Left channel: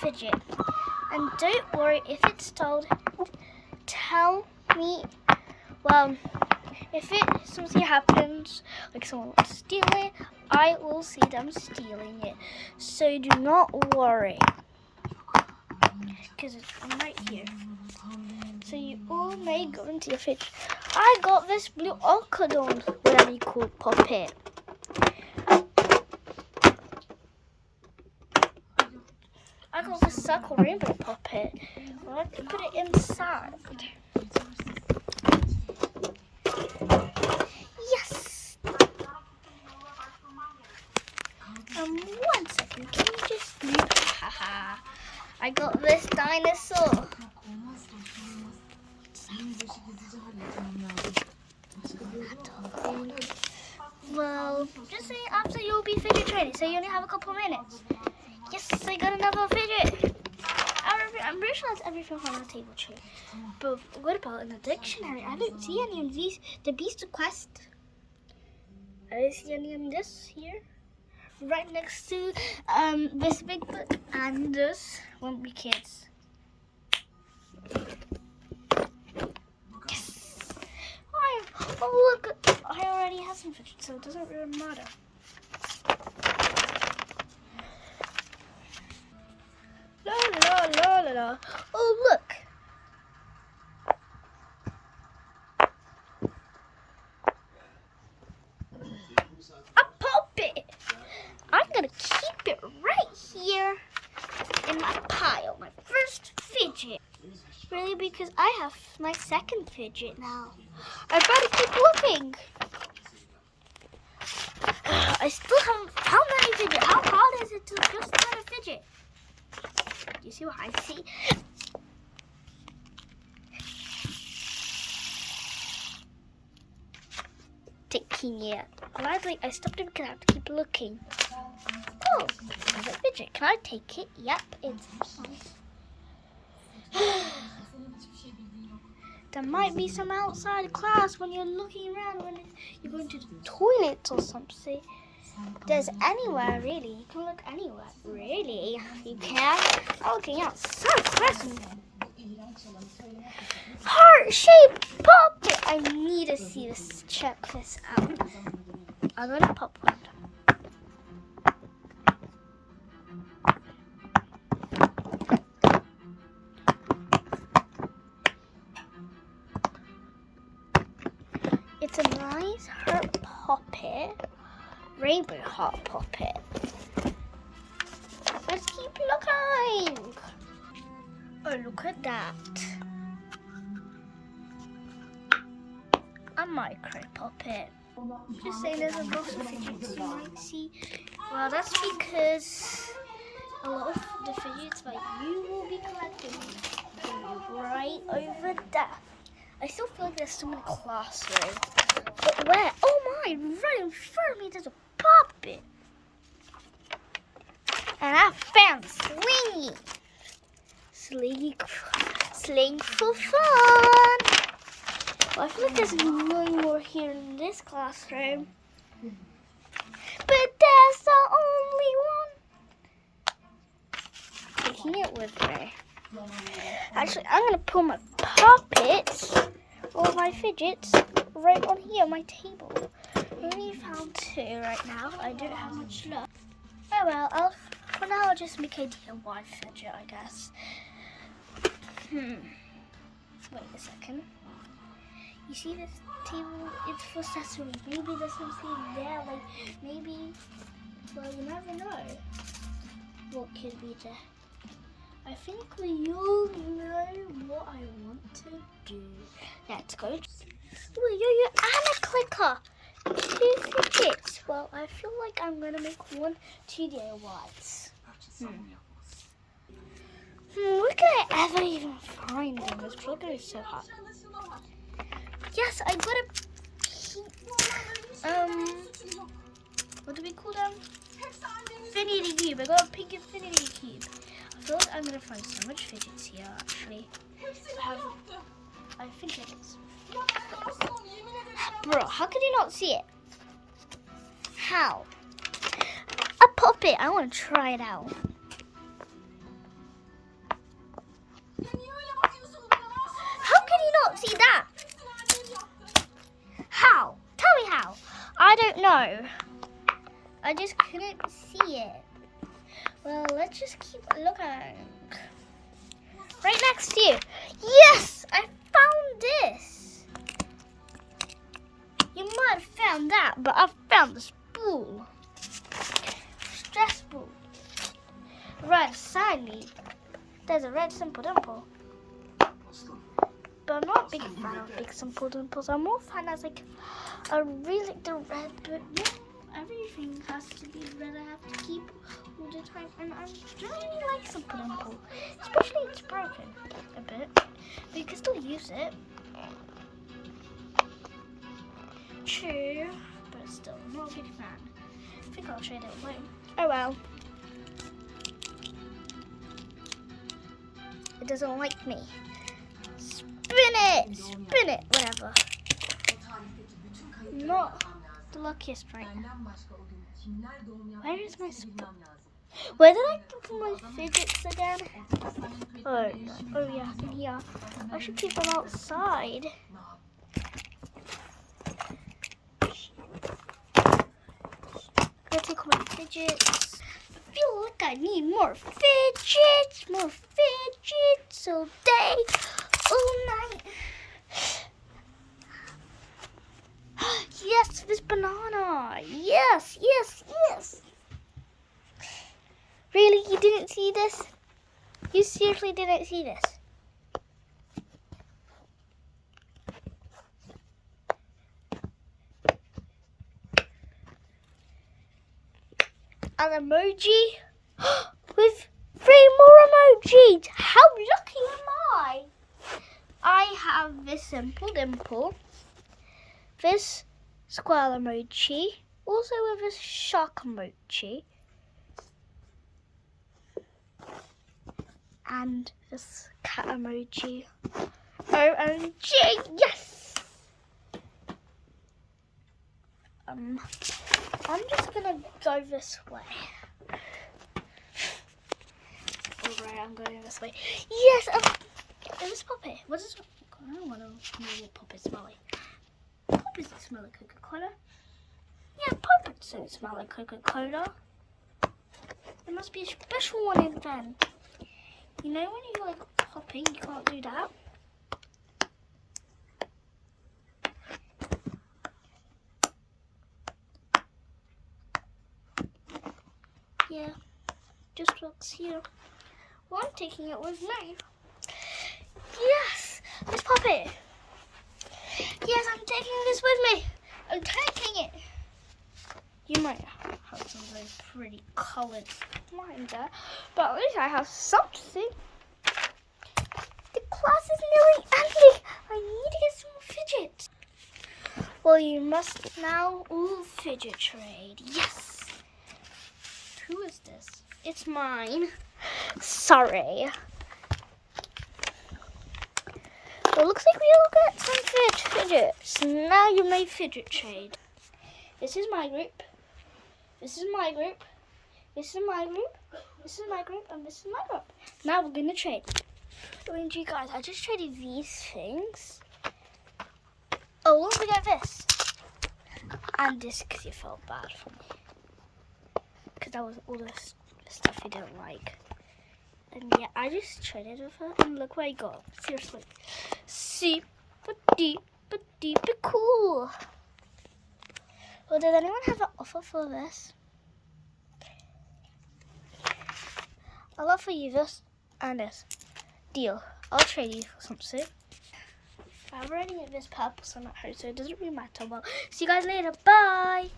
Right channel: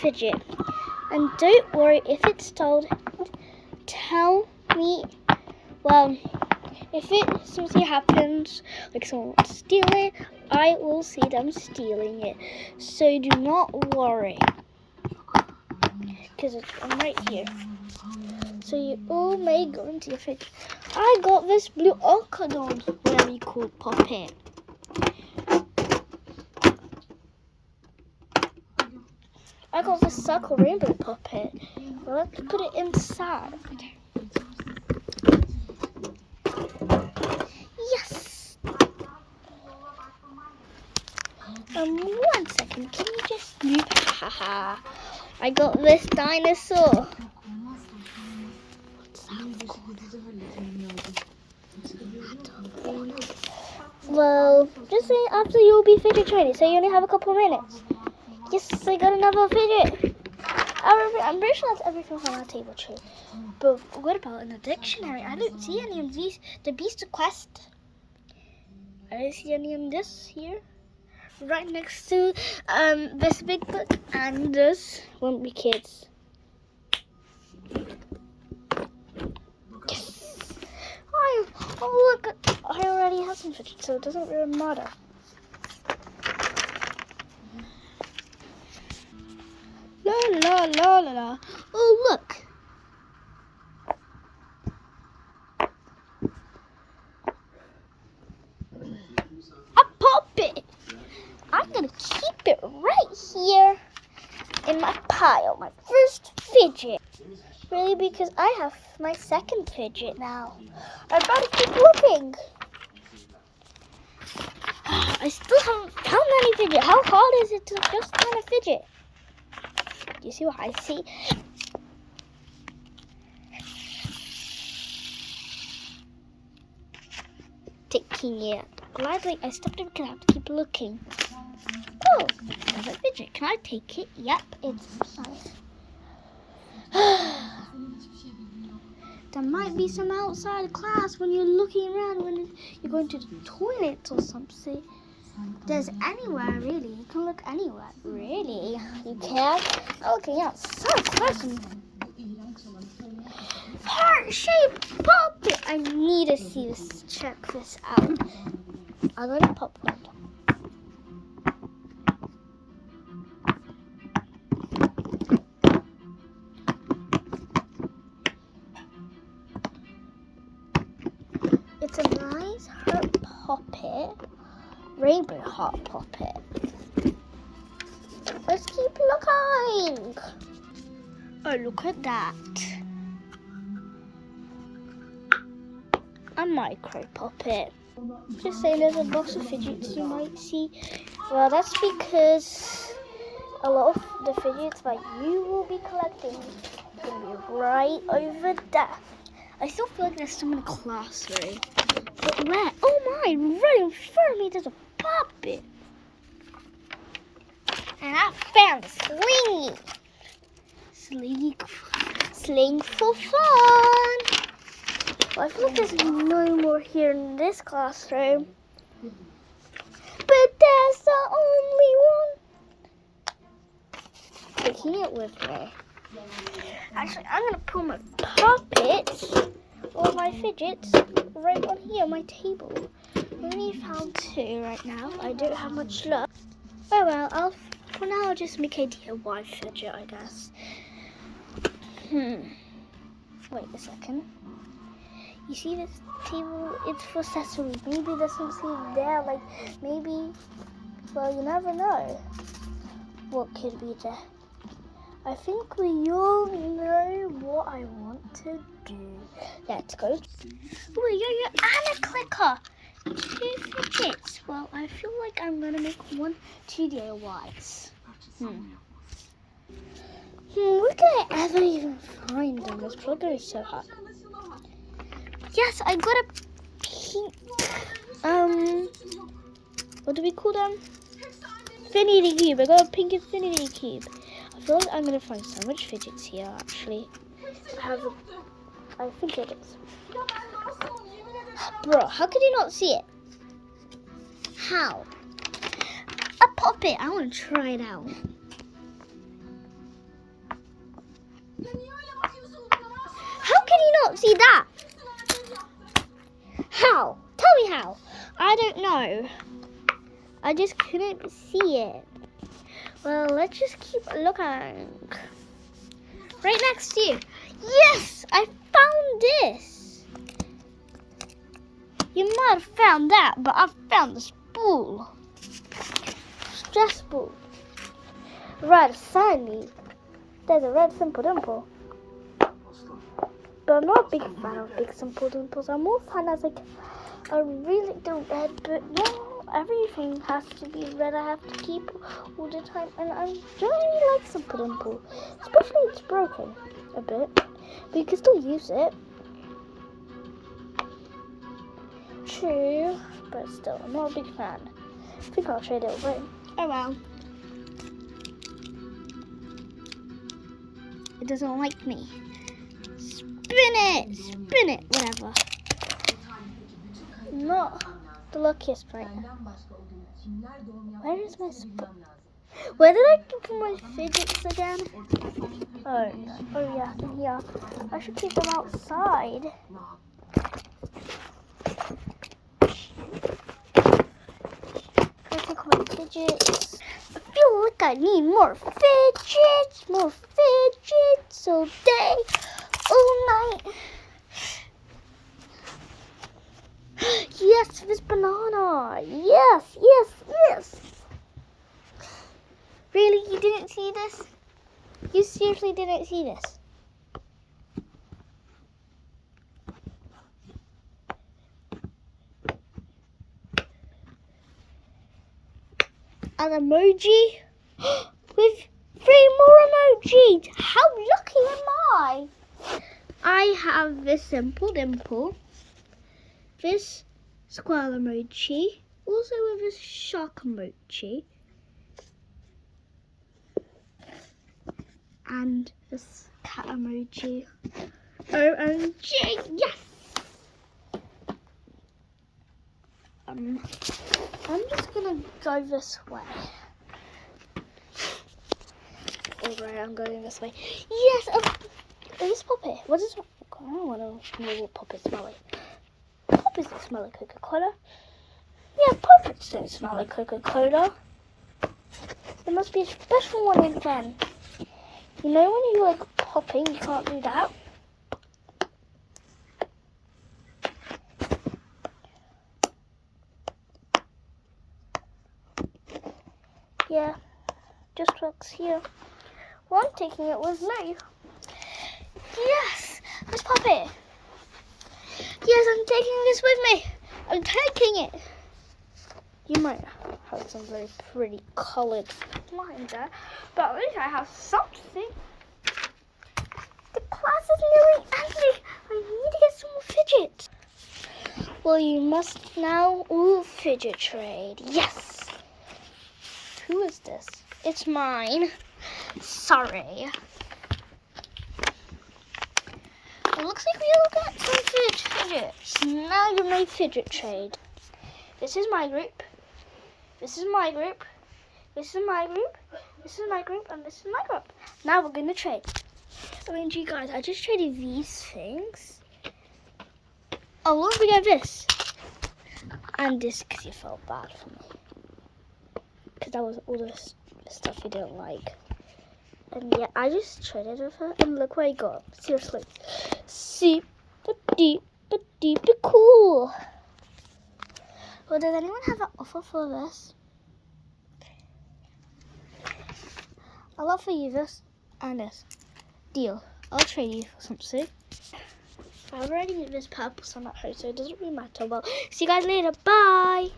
fidget. And don't worry if it's told. Tell me. Well, if something happens, like someone wants to steal it, I will see them stealing it. So do not worry. Because it's right here. So you all may go into your fidget. I got this blue orchidon, whatever you call puppet. I got this circle rainbow puppet. Well, let's put it inside. Yes! 1 second, can you just move? Haha. I got this dinosaur. Well, just say after you'll be fidget training, so you only have a couple of minutes. Yes, I got another fidget. I'm pretty sure that's everything on our table tray. But what about in the dictionary? I don't see any of these. The Beast Quest. I don't see any in this here. Right next to this big book, and this won't be kids. Yes. Oh look, I already have some fidgets, so it doesn't really matter. La la la la la. Oh look. A puppet. I'm gonna keep it right here in my pile, my first fidget. Really, because I have my second fidget now. I better keep looking. I still haven't found any fidget. How hard is it to just find a fidget? Do you see what I see? Taking it. Gladly, I stopped it because I have to keep looking. Oh, there's a fidget. Can I take it? Yep, it's nice. There might be some outside class when you're looking around, when you're going to the toilet or something. There's anywhere, really. You can look anywhere. Really? You can? I'm looking outside class. Heart-shaped puppet. I need to see this. Check this out. I'm going to pop one. It's a nice heart puppet. Rainbow heart puppet. Let's keep looking. Oh, look at that. A micro puppet. Just saying, there's a box of fidgets you might see. Well, that's because a lot of the fidgets that you will be collecting is going to be right over there. I still feel like there's some in the classroom. But where? Oh my, right in front of me there's a puppet. And I found a slingy. Sling for fun. Well, I feel like there's no more here in this classroom. But there's the only one. Taking it with me. Actually, I'm going to put my puppets or my fidgets right on here on my table. I only found 2 right now. I don't have much luck. Oh well, for now I'll just make a DIY fidget, I guess. Wait a second. You see this table? It's for accessories. Maybe there's something there, like maybe, well, you never know what could be there. I think we all know what I want to do. Let's go. Oh, yo, and a clicker. 2 fidgets. Well, I feel like I'm going to make 2 DIYs. Where can I ever even find them? It's probably going to be so hard. Yes, I got a pink, what do we call them? Infinity cube. I got a pink infinity cube. I feel like I'm going to find so much fidgets here, actually. I think it is. Bro, how could you not see it? How? A puppet. I want to try it out. How can you not see that? How? Tell me how. I don't know. I just couldn't see it. Well, let's just keep looking. Right next to you. Yes, I found this. You might have found that, but I found the spool. Stress ball. Right beside me, there's a red simple dimple. But I'm not a big fan of big simple dimples. I'm more fan as like a really the red, but no, everything has to be red. I have to keep all the time, and I really like simple dimple, especially it's broken a bit, but you can still use it. True, but still, I'm not a big fan. I think I'll trade it away. Oh well. It doesn't like me. Spin it, whatever. Not the luckiest right now. Where is my Where did I put my fidgets again? Oh no. Oh yeah, in here. I should keep them outside. Let's look at my fidgets. I feel like I need more fidgets all day, all night. Yes, this banana. Yes. Really, you didn't see this? You seriously didn't see this? An emoji with 3 more emojis. How lucky am I? I have this simple dimple, this squirrel emoji, also with this shark emoji, and this cat emoji. OMG, yes! I'm just gonna go this way. Alright, I'm going this way. Yes! This puppy. What is? I don't want to know what puppies smell like. Puppies don't smell like Coca-Cola. Yeah, puppies don't smell like Coca-Cola. There must be a special one in then. You know when you like popping, you can't do that. Yeah, just works here. Well, I'm taking it with me. Yes, Miss Puppy. Yes, I'm taking this with me. I'm taking it. You might have some very pretty coloured lines there, but at least I have something. The class is nearly ending. I need to get some more fidgets. Well, you must now fidget trade. Yes. Who is this? It's mine. Sorry. It looks like we all get some fidgets. Now you may fidget trade. This is my group. This is my group. This is my group. This is my group. And this is my group. Now we're going to trade. OMG, guys, I just traded these things. Oh, look, we get this. And this because you felt bad for me. Because that was all the stuff you didn't like. And yeah, I just traded with her. And look what I got. Seriously. Super cool. Well, does anyone have an offer for this? I'll offer you this and this. Deal. I'll trade you for something. I've already made this purple sun at home, so it doesn't really matter. Well, see you guys later. Bye.